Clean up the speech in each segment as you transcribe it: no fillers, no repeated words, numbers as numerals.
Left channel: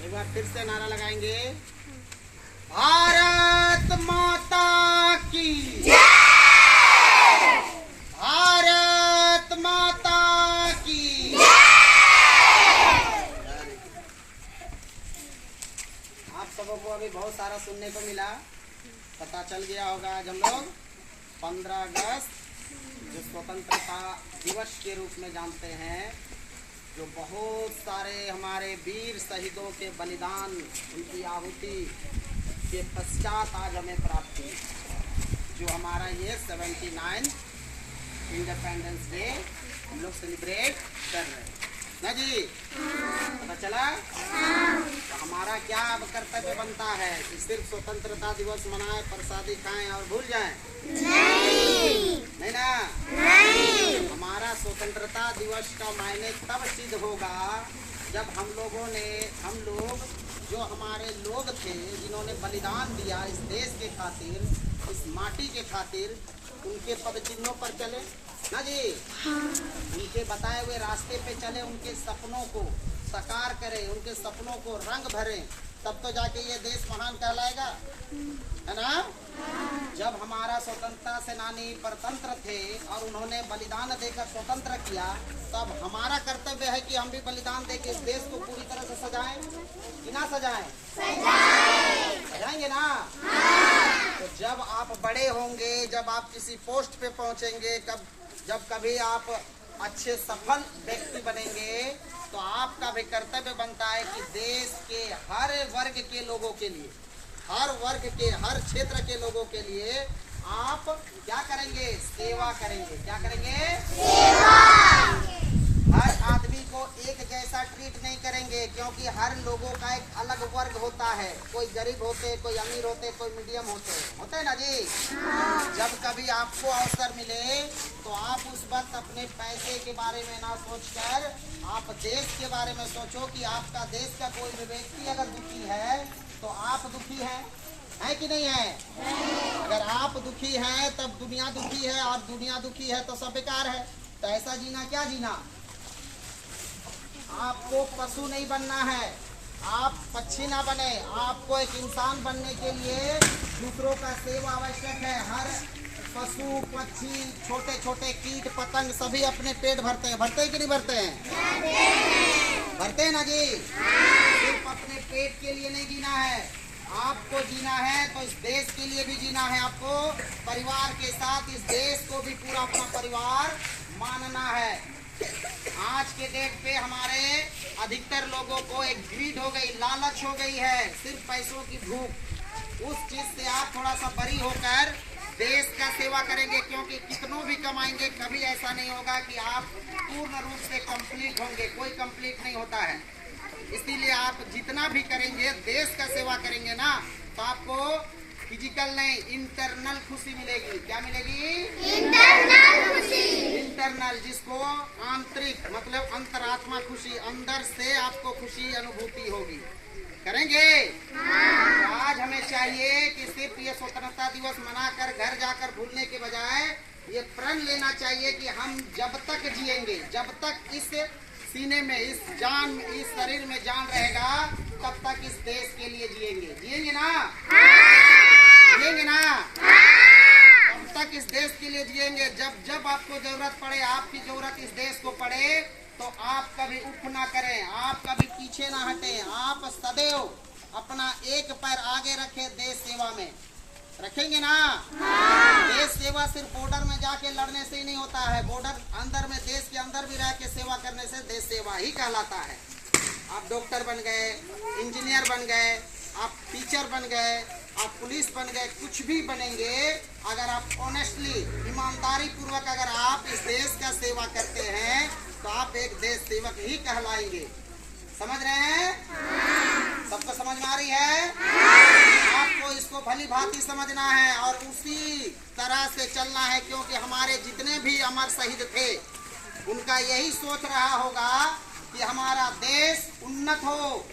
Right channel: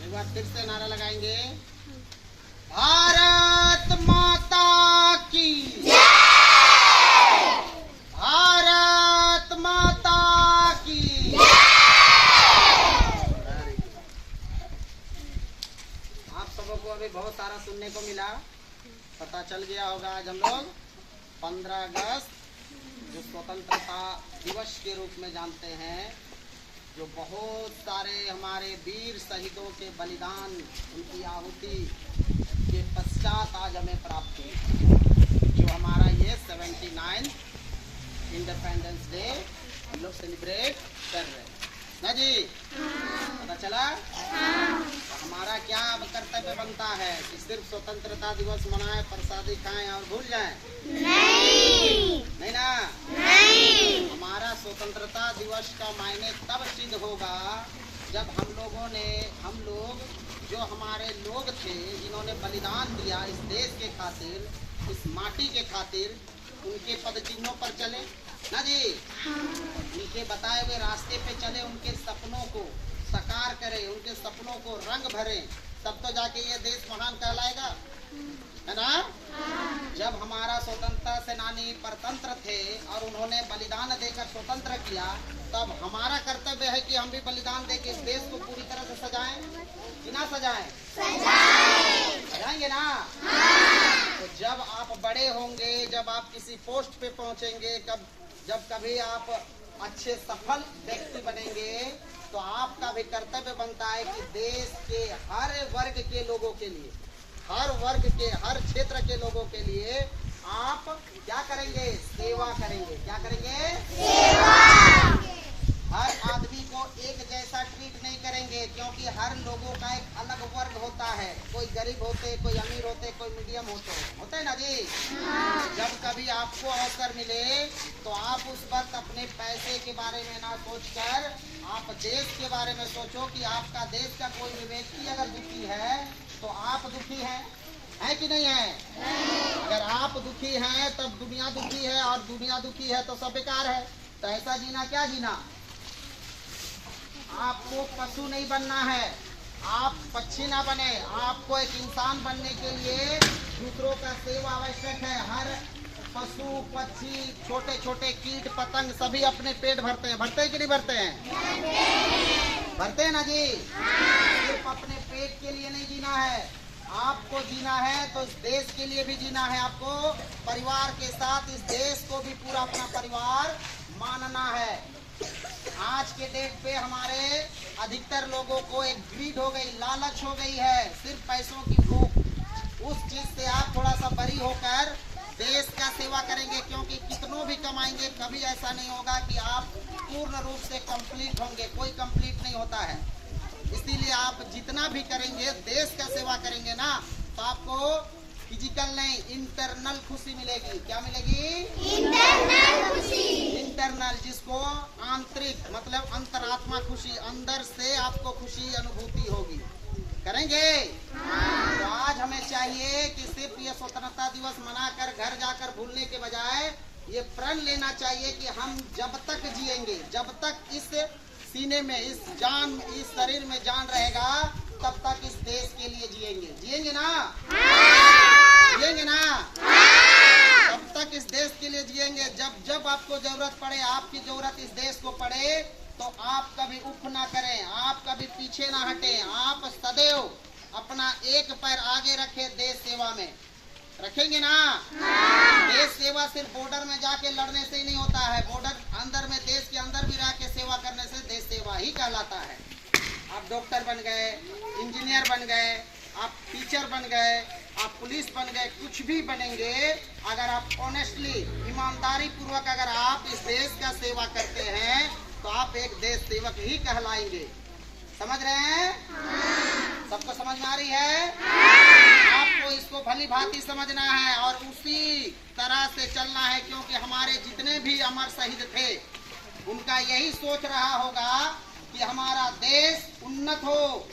एक बार फिर से नारा लगाएंगे, भारत माता की जय, भारत माता की जय। आप सबों को अभी बहुत सारा सुनने को मिला, पता चल गया होगा। आज हम लोग 15 अगस्त जो स्वतंत्रता दिवस के रूप में जानते हैं, जो बहुत सारे हमारे वीर शहीदों के बलिदान, उनकी आहुति के पश्चात आज हमें प्राप्त हुई। जो हमारा ये 79 इंडिपेंडेंस डे हम लोग सेलिब्रेट कर रहे हैं ना जी। पता चला? तो हमारा क्या कर्तव्य बनता है कि सिर्फ स्वतंत्रता दिवस मनाएं, प्रसादी खाएं और भूल जाएं? नहीं ना। नहीं। हमारा स्वतंत्रता दिवस का मायने तब सिद्ध होगा जब हम लोग जो हमारे लोग थे, जिन्होंने बलिदान दिया इस देश के खातिर, इस माटी के खातिर, उनके पद चिन्हों पर चले ना जी। उनके बताए हुए रास्ते पे चले, उनके सपनों को साकार करें, उनके सपनों को रंग भरें, तब तो जाके ये देश महान कहलाएगा, है ना। जब हमारा स्वतंत्रता सेनानी परतंत्र थे और उन्होंने बलिदान देकर स्वतंत्र किया, तब हमारा कर्तव्य है कि हम भी बलिदान देकर इस देश को पूरी तरह से सजाएं कि ना सजाएं? सजाएंगे ना। तो जब आप बड़े होंगे, जब आप किसी पोस्ट पे पहुंचेंगे, जब कभी आप अच्छे सफल व्यक्ति बनेंगे, तो आपका भी कर्तव्य बनता है कि देश के हर वर्ग के लोगों के लिए, हर वर्ग के, हर क्षेत्र के लोगों के लिए आप क्या करेंगे? सेवा करेंगे। क्या करेंगे? सेवा। हर आदमी को एक जैसा ट्रीट नहीं करेंगे, क्योंकि हर लोगों का एक अलग वर्ग होता है। कोई गरीब होते, कोई अमीर होते, कोई मीडियम होता है ना जी। जब कभी आपको अवसर मिले तो आप उस वक्त अपने पैसे के बारे में ना सोचकर आप देश के बारे में सोचो कि आपका देश का कोई भी व्यक्ति अगर दुखी है तो आप दुखी है कि नहीं है? नहीं। अगर आप दुखी हैं तब दुनिया दुखी है, और दुनिया दुखी है तो सब बेकार है। तो ऐसा जीना क्या जीना? आपको पशु नहीं बनना है, आप पक्षी ना बने। आपको एक इंसान बनने के लिए दूसरों का सेवा आवश्यक है। हर पशु, पक्षी, छोटे छोटे कीट पतंग सभी अपने पेट भरते हैं कि नहीं भरते हैं? भरते हैं ना जी। सिर्फ अपने पेट के लिए नहीं जीना है, आपको जीना है तो इस देश के लिए भी जीना है। आपको परिवार के साथ इस देश को भी पूरा अपना परिवार मानना है। आज के डेट पे हमारे अधिकतर लोगों को एक ग्रीड हो गई, लालच हो गई है, सिर्फ पैसों की भूख। उस चीज से आप थोड़ा सा बरी होकर देश का सेवा करेंगे, क्योंकि कितनों भी कमाएंगे, कभी ऐसा नहीं होगा कि आप पूर्ण रूप से कंप्लीट होंगे। कोई कंप्लीट नहीं होता है। इसीलिए आप जितना भी करेंगे, देश का सेवा करेंगे ना, तो आपको फिजिकल नहीं, इंटरनल खुशी मिलेगी। क्या मिलेगी? इंटरनल खुशी। इंटरनल, जिसको आंतरिक मतलब अंतरात्मा खुशी, अंदर से आपको खुशी अनुभूति होगी। करेंगे? तो आज हमें चाहिए कि सिर्फ ये स्वतंत्रता दिवस मनाकर घर जाकर भूलने के बजाय ये प्रण लेना चाहिए कि हम जब तक जिएंगे, जब तक इस सीने में, इस शरीर में जान रहेगा, तब तक इस देश के लिए जिएंगे। जिएंगे ना? जिएंगे ना? तब तक इस देश के लिए जिएंगे। जब आपको जरूरत पड़े, आपकी जरूरत इस देश को पड़े, तो आप कभी उफ ना करें, आप कभी पीछे ना हटें। आप सदैव अपना एक पैर आगे रखें देश सेवा में। रखेंगे ना? देश सेवा सिर्फ बॉर्डर में जाके लड़ने से ही नहीं होता है। बॉर्डर अंदर में, देश के अंदर भी रह के सेवा करने से देश सेवा ही कहलाता है। आप डॉक्टर बन गए, इंजीनियर बन गए, आप टीचर बन गए, आप पुलिस बन गए, कुछ भी बनेंगे, अगर आप ऑनेस्टली, ईमानदारी पूर्वक अगर आप इस देश का सेवा करते हैं तो आप एक देश सेवक ही कहलाएंगे। समझ रहे हैं? सबको समझ में आ रही है? आपको इसको भली भांति समझना है और उसी तरह से चलना है, क्योंकि हमारे जितने भी अमर शहीद थे, उनका यही सोच रहा होगा कि हमारा देश उन्नत हो,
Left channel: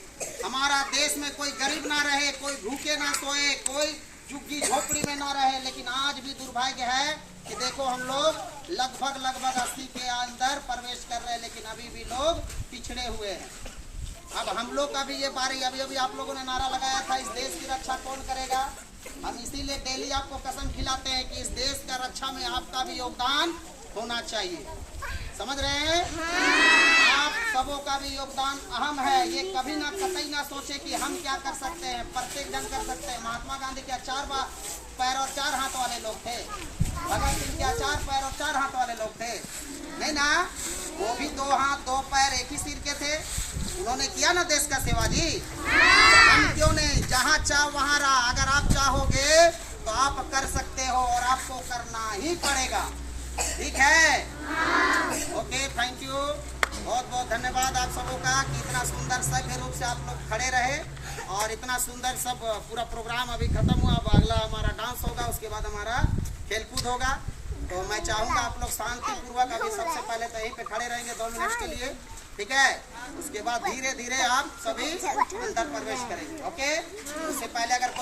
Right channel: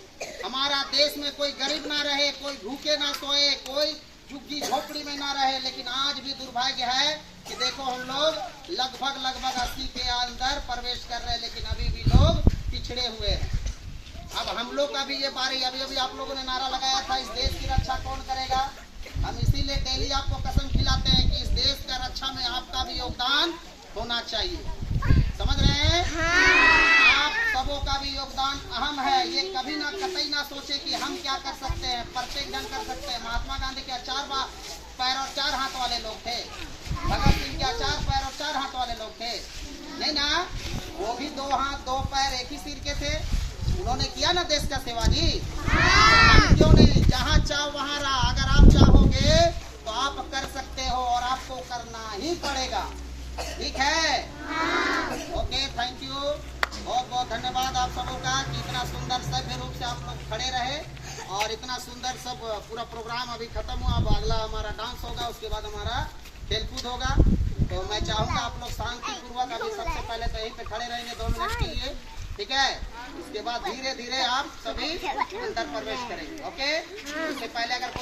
हमारा देश में कोई गरीब ना रहे, कोई भूखे ना सोए, कोई झुग्गी झोपड़ी में ना रहे। लेकिन आज भी दुर्भाग्य है कि देखो हम लोग लगभग 80 के अंदर प्रवेश कर रहे हैं, लेकिन अभी भी लोग पिछड़े हुए हैं। अब हम लोग का भी ये बारी, अभी अभी आप लोगों ने नारा लगाया था, इस देश की रक्षा कौन करेगा। हम इसीलिए डेली आपको कसम खिलाते हैं कि इस देश का रक्षा में आपका भी योगदान होना चाहिए। समझ रहे हैं? आप सबों का भी योगदान अहम है। ये कभी ना कतई ना सोचे कि हम क्या कर सकते हैं, प्रत्येक जन कर सकते हैं। महात्मा गांधी क्या 4 पैर और 4 हाथ वाले लोग थे? भगत सिंह क्या 4 पैर और 4 हाथ वाले लोग थे? नहीं ना, वो भी 2 हाथ 2 पैर एक ही सिर के थे। उन्होंने किया ना देश का सेवा जी। हम क्यों नहीं? जहाँ चाह वहाँ रहा। अगर आप चाहोगे तो आप कर सकते हो और आपको करना ही पड़ेगा। ठीक है? Okay, thank you. बहुत बहुत धन्यवाद आप सबों का कि इतना सुंदर सभ्य रूप से आप लोग खड़े रहे और इतना सुंदर सब पूरा प्रोग्राम अभी खत्म हुआ। अब अगला हमारा डांस होगा, उसके बाद हमारा खेलकूद होगा। तो मैं चाहूँगा आप लोग शांतिपूर्वक अभी सबसे पहले तो यहीं पे खड़े रहेंगे 2 मिनट के लिए। ठीक है? उसके बाद धीरे धीरे आप सभी अंदर प्रवेश करेंगे। ओके? इससे पहले अगर कोई